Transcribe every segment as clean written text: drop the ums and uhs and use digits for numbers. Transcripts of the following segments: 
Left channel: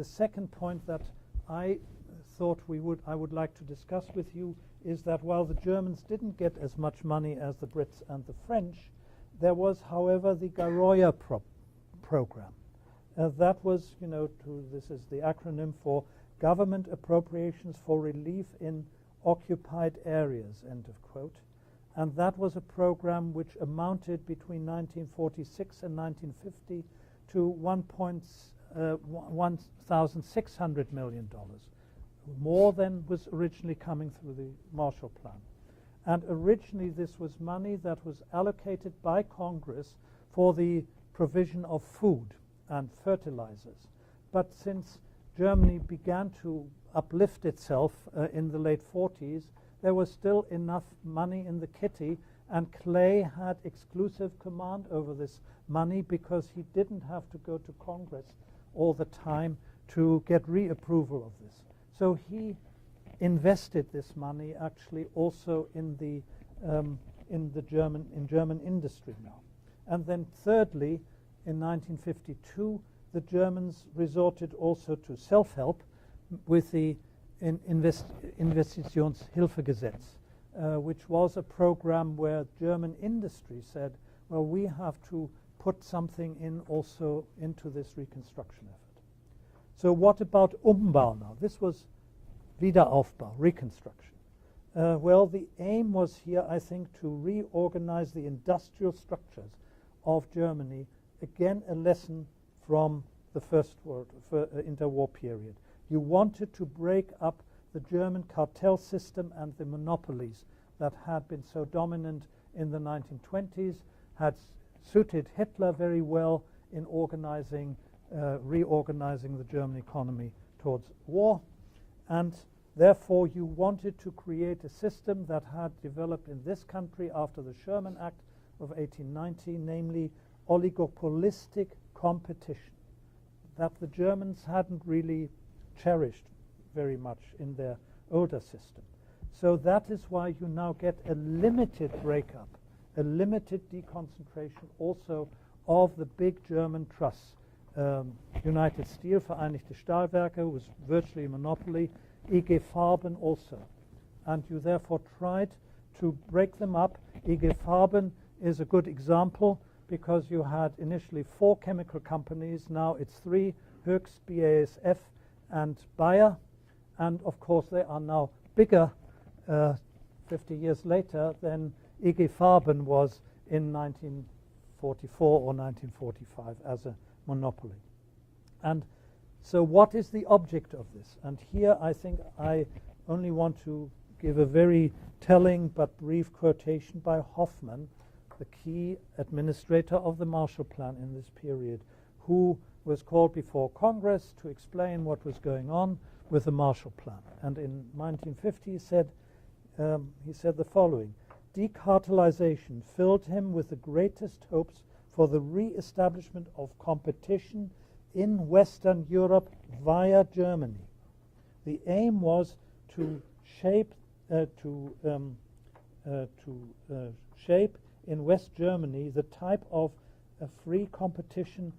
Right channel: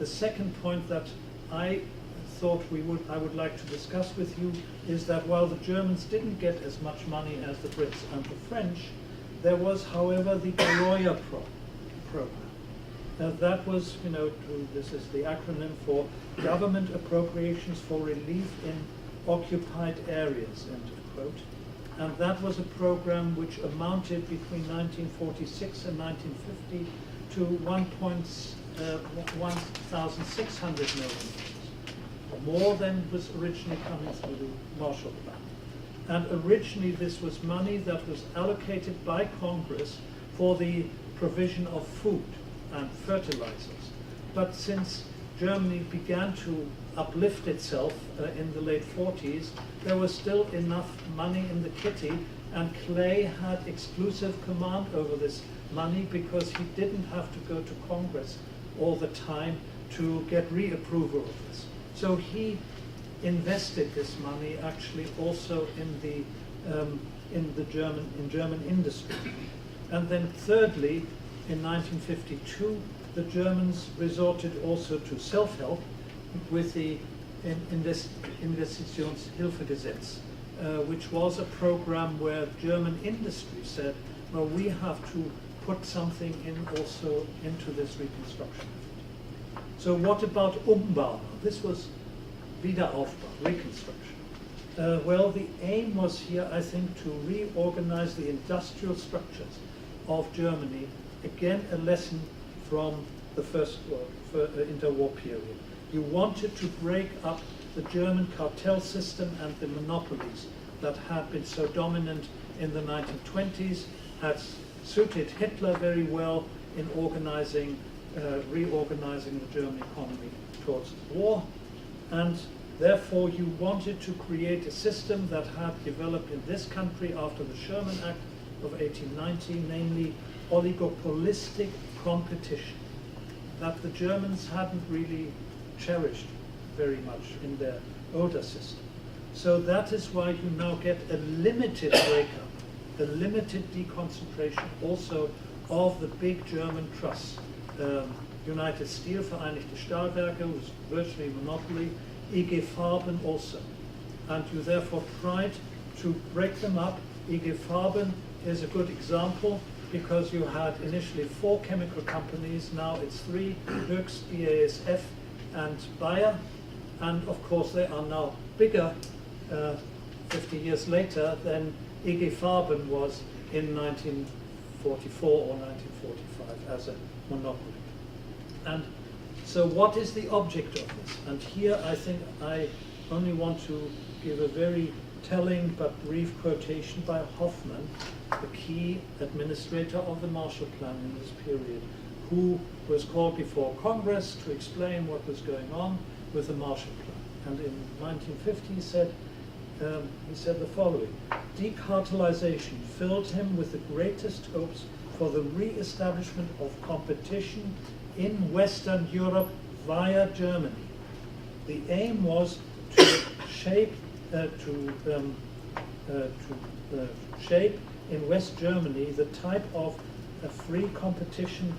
the second point that I thought I would like to discuss with you is that while the Germans didn't get as much money as the Brits and the French, there was, however, the Garoya program. That was, this is the acronym for Government Appropriations for Relief in Occupied Areas, end of quote. And that was a program which amounted between 1946 and 1950 to $1,600 million, more than was originally coming through the Marshall Plan. And originally this was money that was allocated by Congress for the provision of food and fertilizers. But since Germany began to uplift itself in the late 40s, there was still enough money in the kitty, and Clay had exclusive command over this money because he didn't have to go to Congress all the time to get reapproval of this. So he invested this money actually also in German industry. And then thirdly, in 1952, the Germans resorted also to self-help with the Investitionshilfegesetz, which was a program where German industry said, well, we have to put something in also into this reconstruction. So what about Umbau? This was Wiederaufbau, reconstruction. Well, the aim was here, I think, to reorganize the industrial structures of Germany. Again, a lesson from the first interwar period. You wanted to break up the German cartel system and the monopolies that had been so dominant in the 1920s, had suited Hitler very well in reorganizing the German economy towards war. And therefore you wanted to create a system that had developed in this country after the Sherman Act of 1890, namely oligopolistic competition, that the Germans hadn't really cherished very much in their older system. So that is why you now get a limited breakup, a limited deconcentration also of the big German trusts. United Steel, Vereinigte Stahlwerke, was virtually a monopoly, IG Farben also. And you therefore tried to break them up. IG Farben is a good example because you had initially 4 chemical companies, now it's 3, Höchst, BASF and Bayer. And of course they are now bigger 50 years later than IG Farben was in 1944 or 1945 as a monopoly. And so what is the object of this? And here I think I only want to give a very telling but brief quotation by Hoffman, the key administrator of the Marshall Plan in this period, who was called before Congress to explain what was going on with the Marshall Plan. And in 1950 he said the following: decartelization filled him with the greatest hopes for the re-establishment of competition in Western Europe via Germany. The aim was to shape in West Germany the type of a free competition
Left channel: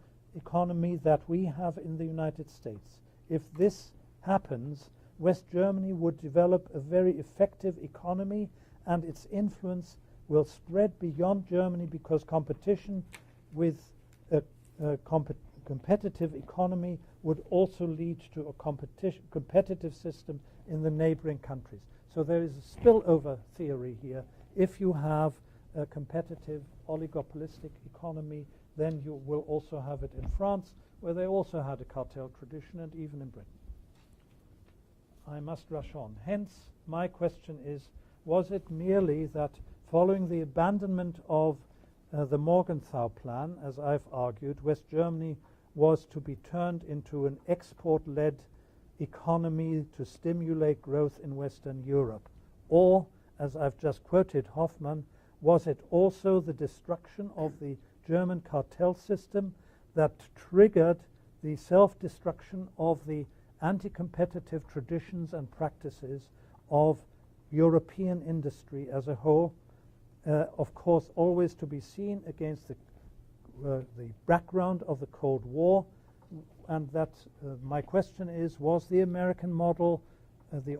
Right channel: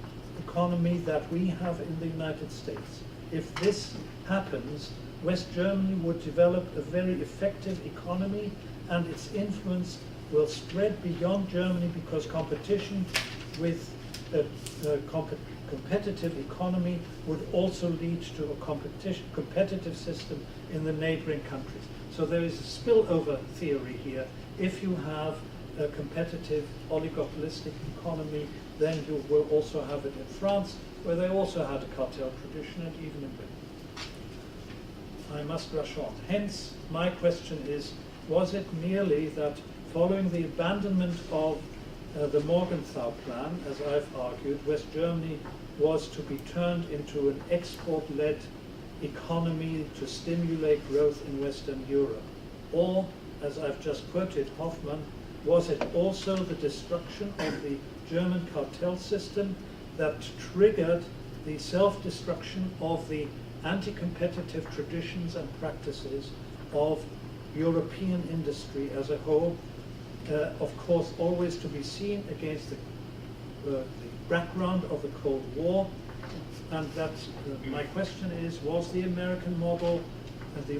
economy that we have in the United States. If this happens, West Germany would develop a very effective economy, and its influence will spread beyond Germany because competition with a competitive economy would also lead to a competitive system in the neighboring countries. So there is a spillover theory here. If you have a competitive oligopolistic economy, then you will also have it in France, where they also had a cartel tradition, and even in Britain. I must rush on. Hence, my question is, was it merely that following the abandonment of the Morgenthau Plan, as I've argued, West Germany was to be turned into an export-led economy to stimulate growth in Western Europe? Or, as I've just quoted Hoffman, was it also the destruction of the German cartel system that triggered the self-destruction of the anti-competitive traditions and practices of European industry as a whole, of course always to be seen against the background of the Cold War, and that my question is, was the American model, the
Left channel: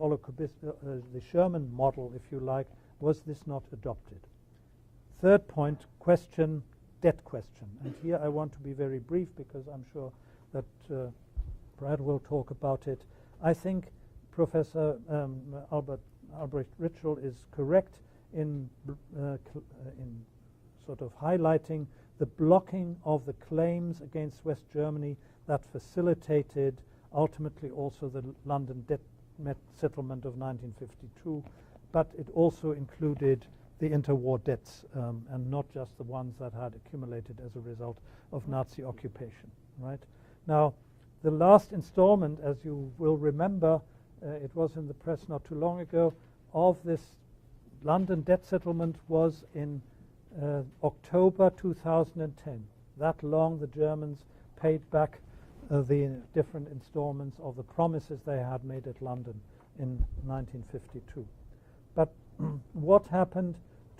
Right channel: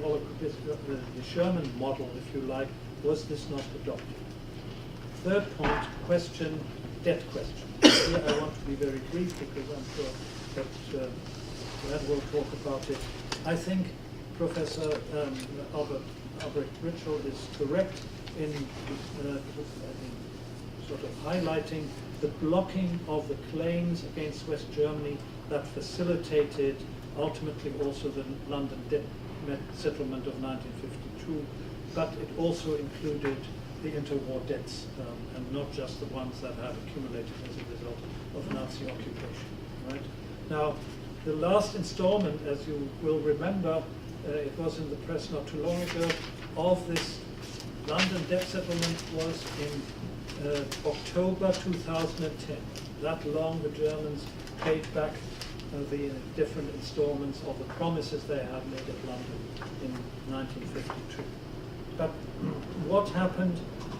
Sherman model, if you like, was this not adopted? Third point, debt question. Here I want to be very brief because I'm sure that Brad will talk about it. I think Professor Albert Ritschl is correct in sort of highlighting the blocking of the claims against West Germany that facilitated ultimately also the London debt settlement of 1952, but it also included the interwar debts and not just the ones that had accumulated as a result of Nazi occupation. Right? Now, the last installment, as you will remember, it was in the press not too long ago, of this London debt settlement was in October 2010. That long the Germans paid back the different installments of the promises they had made at London in 1952. But what happened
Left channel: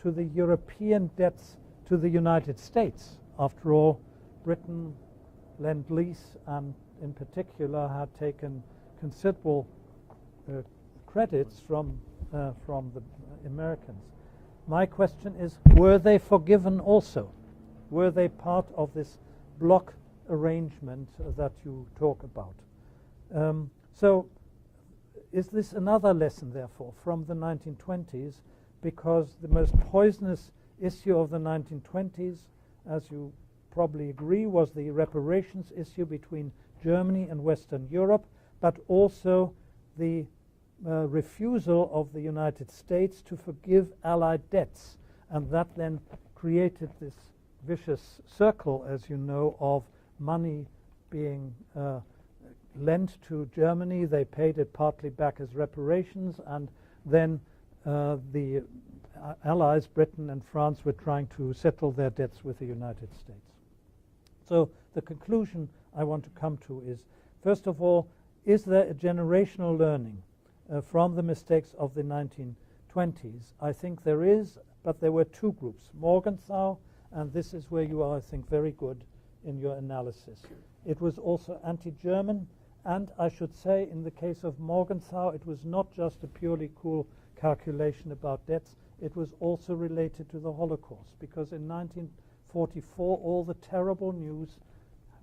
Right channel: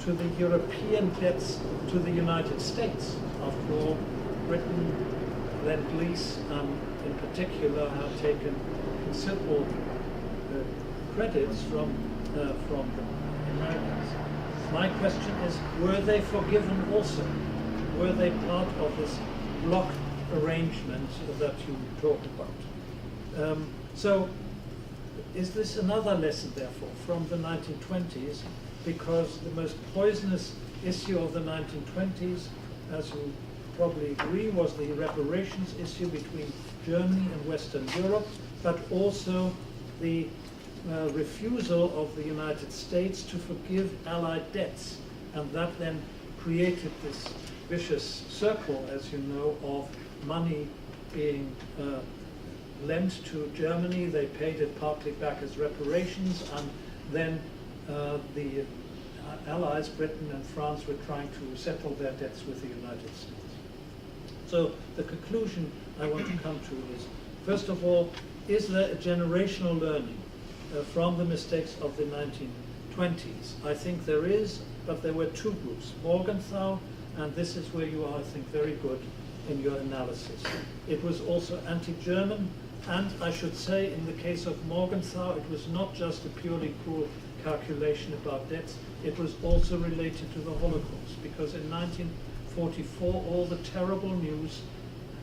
to the European debts to the United States? After all, Britain, Lend-Lease, and in particular have taken considerable credits from the Americans. My question is, were they forgiven also? Were they part of this block arrangement that you talked about? So is this another lesson, therefore, from the 1920s? Because the most poisonous issue of the 1920s, as you probably agree, was the reparations issue between Germany and Western Europe, but also the refusal of the United States to forgive Allied debts. And that then created this vicious circle, as you know, of money being lent to Germany. They paid it partly back as reparations, and then the Allies, Britain and France, were trying to settle their debts with the United States. So the conclusion I want to come to is, first of all, is there a generational learning from the mistakes of the 1920s? I think there is, but there were two groups. Morgenthau, and this is where you are, I think, very good in your analysis. It was also anti-German, and I should say, in the case of Morgenthau, it was not just a purely cruel calculation about debts, it was also related to the Holocaust, because in 1944 all the terrible news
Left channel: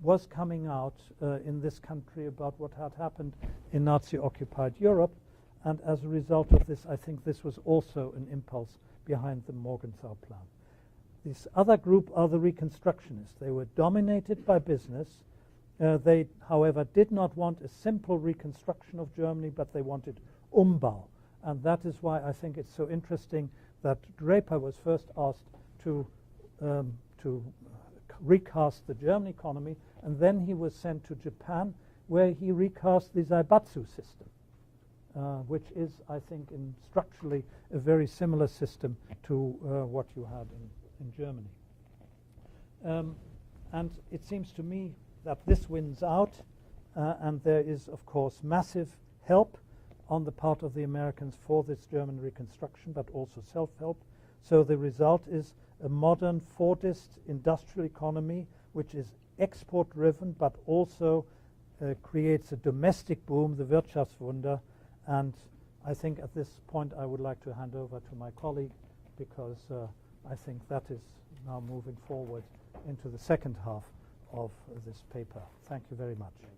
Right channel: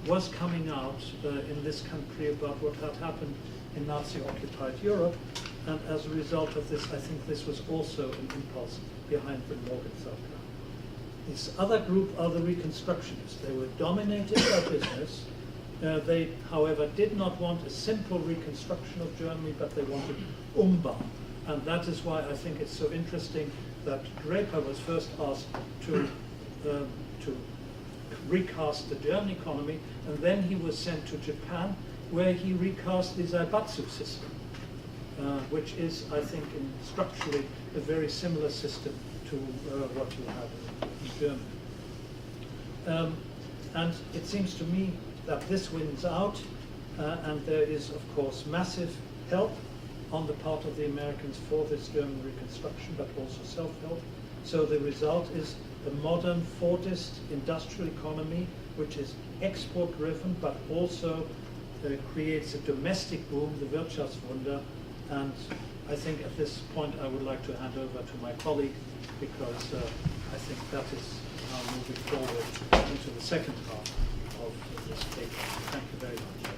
was coming out in this country about what had happened in Nazi-occupied Europe, and as a result of this, I think this was also an impulse behind the Morgenthau plan. This other group are the Reconstructionists. They were dominated by business. They, however, did not want a simple reconstruction of Germany, but they wanted Umbau. And that is why I think it's so interesting that Draper was first asked to recast the German economy, and then he was sent to Japan, where he recast the Zaibatsu system, which is, I think, structurally a very similar system to what you have in Germany. And it seems to me that this wins out, and there is, of course, massive help on the part of the Americans for this German reconstruction, but also self-help. So the result is a modern Fordist industrial economy, which is export-driven, but also creates a domestic boom, the Wirtschaftswunder. And I think at this point I would like to hand over to my colleague, because I think that is now moving forward into the second half of this paper. Thank you very much.